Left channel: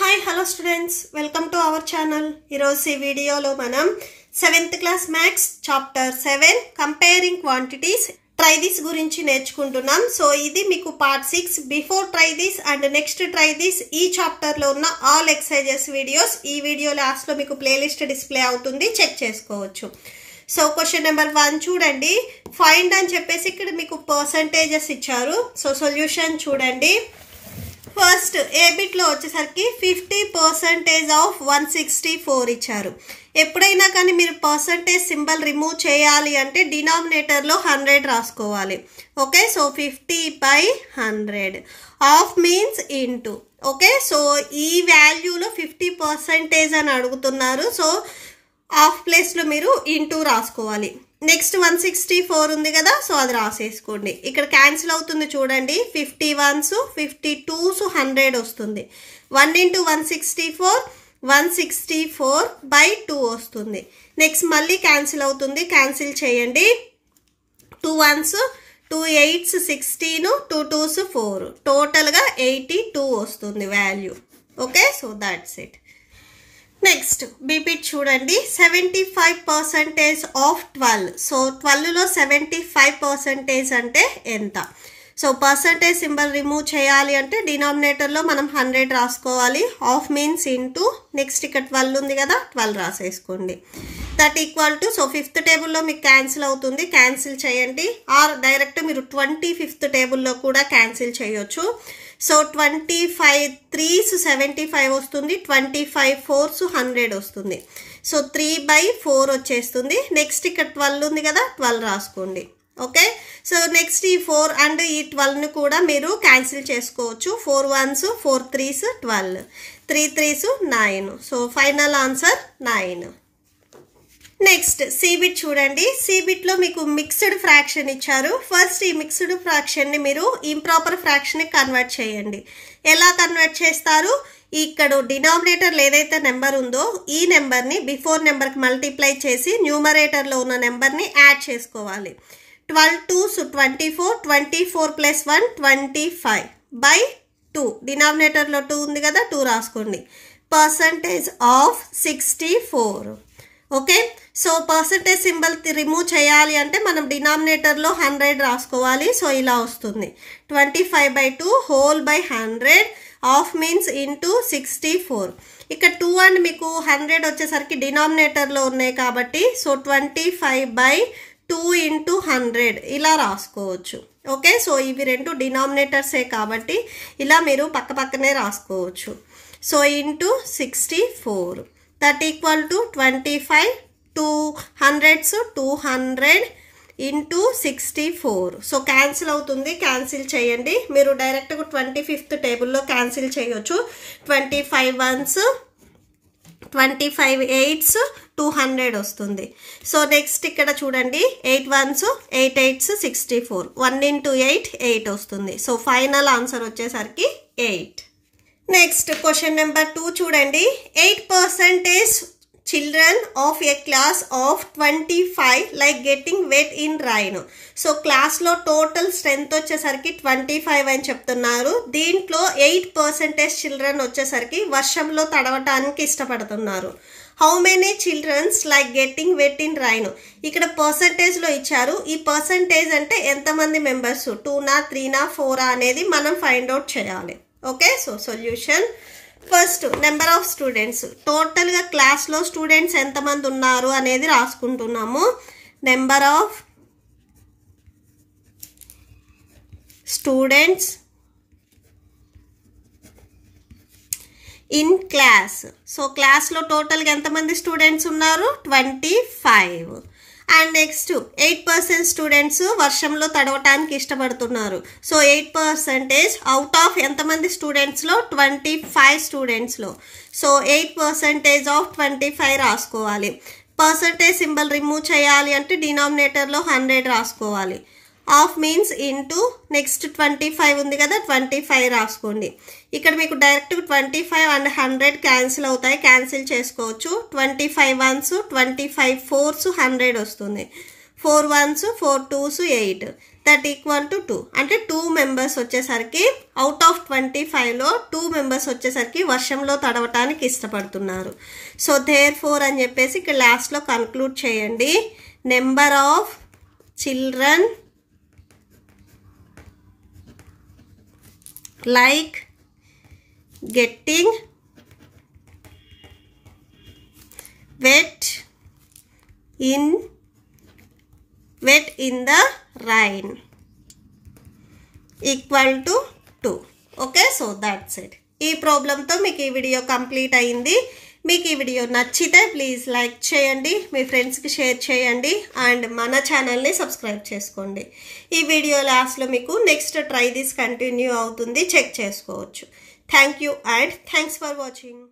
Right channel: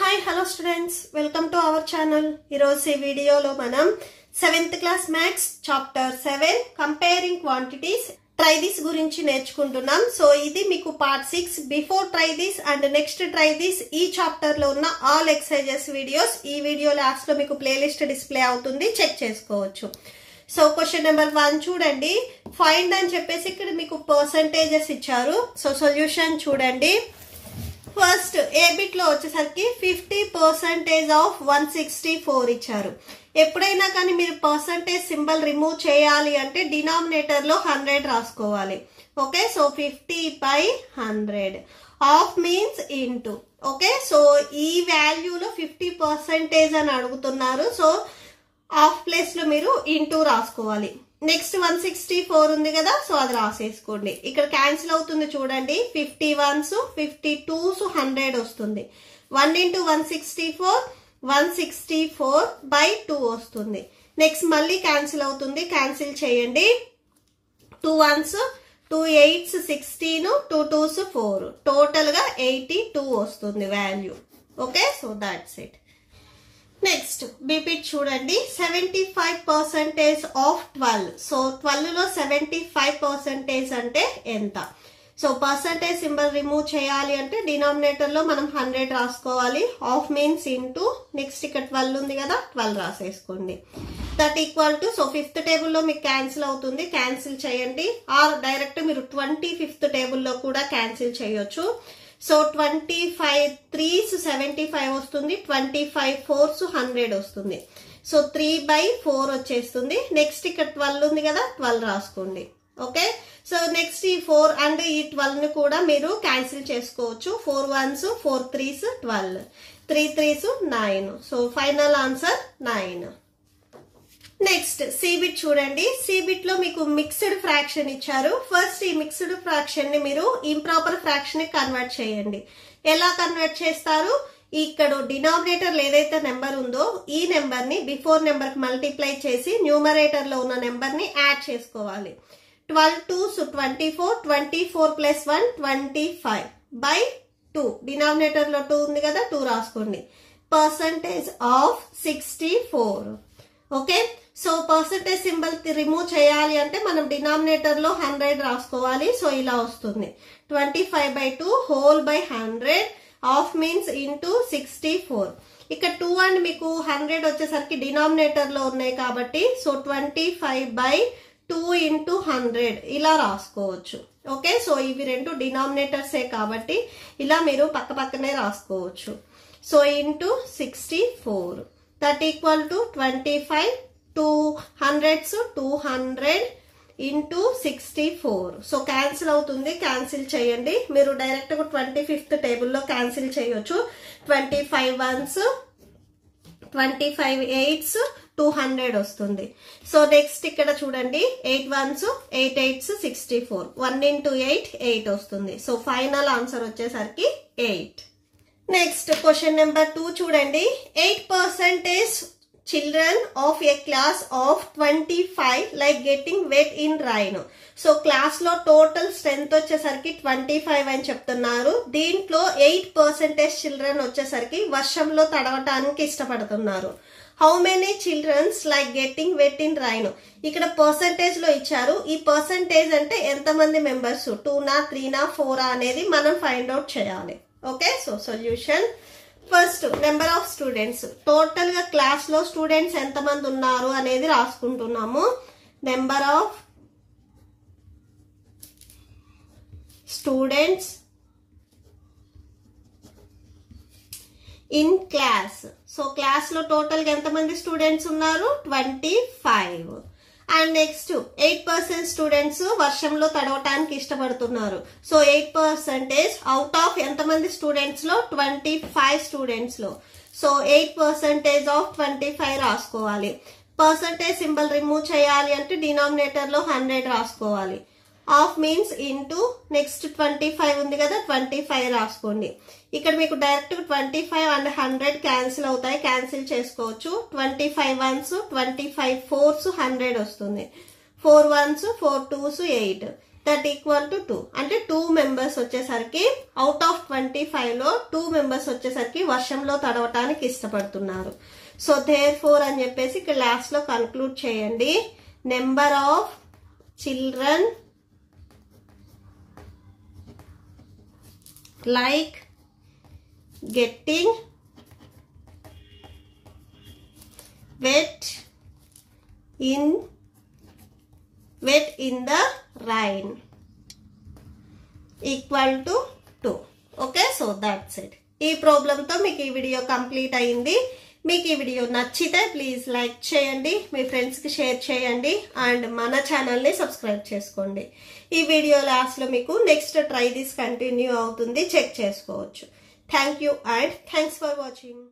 Hi, hello students. Welcome to our channel. Ee video lo manam 7th class maths chapter 7 comparing quantities try this gurinchi నేర్చుకుంటున్నాం. So ఇది మీకు part 6 before try this and next try this ఈ chapter లో ఉన్న all exercises videos ఈ video last లో మీకు playlist display అవుతుంది, చెక్ చేసుకోవచ్చు. సో క్వశ్చన్ నెంబర్ 1 చూడండి. ఫైండ్ అని చెప్పేసి ఇక్కడ మీకు పర్సెంటేజెస్ ఇచ్చారు. సో సొల్యూషన్ చూడండి. ఫస్ట్ ఏ బిట్ లో వచ్చేసరికి 50% ఆఫ్ 164 ఇచ్చారు. ఎప్పుడైనా కానీ మీరు పర్సెంటేజ్ సింబల్ రిమూవ్ చేయాలి అంటే డినామినేటర్ లో 100 రాసుకోవాలి. Okay, so 50/100 of means into. Okay, so ఈ వాల్యూలో 50% అని అడుగుతున్నారు. సో హాఫ్ ప్లేస్ లో మీరు ఇంటూ రాసుకోవాలి. నెక్స్ట్ 164 ఉంది కదా, సో అది రాసేసుకోండి. ఇక్కడ క్యాన్సిల్ అవుతుంది చూడండి. 51s 52s 100 వస్తుంది. 1 into 164 164/2 వస్తుంది. నెక్స్ట్ మళ్ళీ క్యాన్సిల్ అవుతుంది, క్యాన్సిల్ చేయండి. 2 1s 2 8s 16 2 2s 4 టోటల్ గా 82 వస్తుంది value. Okay, so that's it. Next B bit చూడండి. 75% ఆఫ్ 12. సో 12 లో 75% అంటే ఎంత? సో పర్సంటేజ్ సింబల్ రిమూవ్ చేయాలి అంటే డినామినేటర్ లో మనం 100 రాసుకోవాలి. Of means into. నెక్స్ట్ ఇక్కడ 12 ఉంది కదా, 12 రాసేసుకోండి. That equal to, so 5th టేబుల్లో మీకు క్యాన్సిల్ అవుతుంది, క్యాన్సిల్ చేయండి. ఆర్ డైరెక్ట్ మీరు 25th టేబుల్లో కూడా క్యాన్సిల్ చేయొచ్చు. సో 25 3s 75 వస్తుంది, 25 4s 100 వస్తుంది. సో 3/4 వచ్చేస్తుంది. నెక్స్ట్ ఇక్కడ 12 ఉంది కదా, 12 రాసుకోండి. ఓకే, సో నెక్స్ట్ ఈ 4 అండ్ ఈ 12 ను కూడా మీరు క్యాన్సిల్ చేసుకోవచ్చు. 4 1s 4 3s 12 3 3s 9. So final answer 9. Next C bit చూడండి. సిబిట్ లో మీకు మిక్స్డ్ ఫ్రాక్షన్ ఇచ్చారు. ఫస్ట్ ఈ మిక్స్డ్ ఫ్రాక్షన్ ని మీరు ఇంప్రాపర్ ఫ్రాక్షన్ ని కన్వర్ట్ చేయండి. ఎలా కన్వర్ట్ చేస్తారు? ఇక్కడ డినామినేటర్ ఏదైతే నెంబర్ ఉందో ఈ నెంబర్ ని బిఫోర్ నెంబర్ కి మల్టిప్లై చేసి న్యూమరేటర్ లో ఉన్న నెంబర్ ని యాడ్ చేసుకోవాలి. 12 2s 24 24 + 1 25/2. డినామినేటర్ లో 2 ఉంది కదా, 2 రాసుకోండి. Percentage of 64. Okay, so percentage symbol remove చేయాలి అంటే మనం డినామినేటర్ లో 100 రాసుకోవాలి. సో ఇలా వస్తుంది. 25/2 whole/100 ఆఫ్ మీన్స్ ఇంటూ 64. ఇక్కడ 2 అండ్ మీకు 100 వచ్చేసరికి డినామినేటర్ లో ఉన్నాయి కాబట్టి సో 25/2 into 100 ఇలా రాసుకోవచ్చు. ఓకే, సో ఇవి రెండు డినామినేటర్సే కాబట్టి ఇలా మీరు పక్క పక్కనే రాసుకోవచ్చు. So into 64 that equal to 25 200s 200 into 64. So cancel అవుతుంది, క్యాన్సిల్ చేయండి. మీరు డైరెక్ట్ 25th టేబుల్లో క్యాన్సిల్ చేయొచ్చు. 25 1s 25 8s 200 వస్తుంది. సో నెక్స్ట్ ఇక్కడ చూడండి. 8 1s 8 8s 64 1 into 8 8 వస్తుంది. సో ఫైనల్ ఆన్సర్ వచ్చేసరికి 8. నెక్స్ట్ క్వశ్చన్ నెంబర్ 2 చూడండి. 8% children of a class of 25 like getting wet in rain. So క్లాస్ లో టోటల్ స్ట్రెంత్ వచ్చేసరికి 25 అని చెప్తున్నారు. దీంట్లో 8% చిల్డ్రన్ వచ్చేసరికి వర్షంలో తడవటానికి ఇష్టపడుతున్నారు. How many childrens like getting wet in rain. ఇక్కడ పర్సంటేజ్ లో ఇచ్చారు. ఈ పర్సంటేజ్ అంటే ఎంతమంది మెంబర్స్, 2నా 3నా 4 అనేది మనం ఫైండ్ అవుట్ చేయాలి. Okay, so solution. First number of students, టోటల్ గా క్లాస్ లో స్టూడెంట్స్ ఎంతమంది ఉన్నారు అనేది రాసుకుంటున్నాము. Number of students in class. So క్లాస్ లో టోటల్ గా ఎంతమంది స్టూడెంట్స్ ఉన్నారు? 25. అండ్ నెక్స్ట్ 8% స్టూడెంట్స్ వర్షంలో తడవటానికి ఇష్టపడుతున్నారు. సో 8% అవుట్ ఆఫ్ ఎంతమంది స్టూడెంట్స్ లో? 25 స్టూడెంట్స్ లో. సో 8% ఆఫ్ 25 రాసుకోవాలి. పర్సంటేజ్ సింబల్ రిమూవ్ చేయాలి అంటే డినామినేటర్ లో 100 రాసుకోవాలి. Of means into. నెక్స్ట్ 25 ఉంది కదా, 25 రాసుకోండి. ఇక్కడ మీకు డైరెక్ట్ 25 అండ్ 100 క్యాన్సిల్ అవుతాయి, క్యాన్సిల్ చేసుకోవచ్చు. 25 1s 25 4s 100 వస్తుంది. 4 1s 4 2s 8 that equal to 2 అంటే 2 మెంబర్స్ వచ్చేసరికి అవుట్ ఆఫ్ 25లో 2 మెంబర్స్ వచ్చేసరికి వర్షంలో తడవటానికి ఇష్టపడుతున్నారు. సో దేర్ ఫోర్ అని చెప్పేసి ఇక్కడ లాస్ట్లో కన్క్లూడ్ చేయండి. Number of children like getting wet in the rain equal to 2. Okay, so that's it. ఈ ప్రాబ్లంతో మీకు ఈ వీడియో కంప్లీట్ అయింది. మీకు ఈ వీడియో నచ్చితే ప్లీజ్ లైక్ చేయండి, మీ ఫ్రెండ్స్కి షేర్ చేయండి అండ్ మన ఛానల్ని సబ్స్క్రైబ్ చేసుకోండి. ఈ వీడియో లాస్ట్లో మీకు నెక్స్ట్ ట్రై దిస్ కంటిన్యూ అవుతుంది, చెక్ చేసుకోవచ్చు. Thank you and thanks for watching.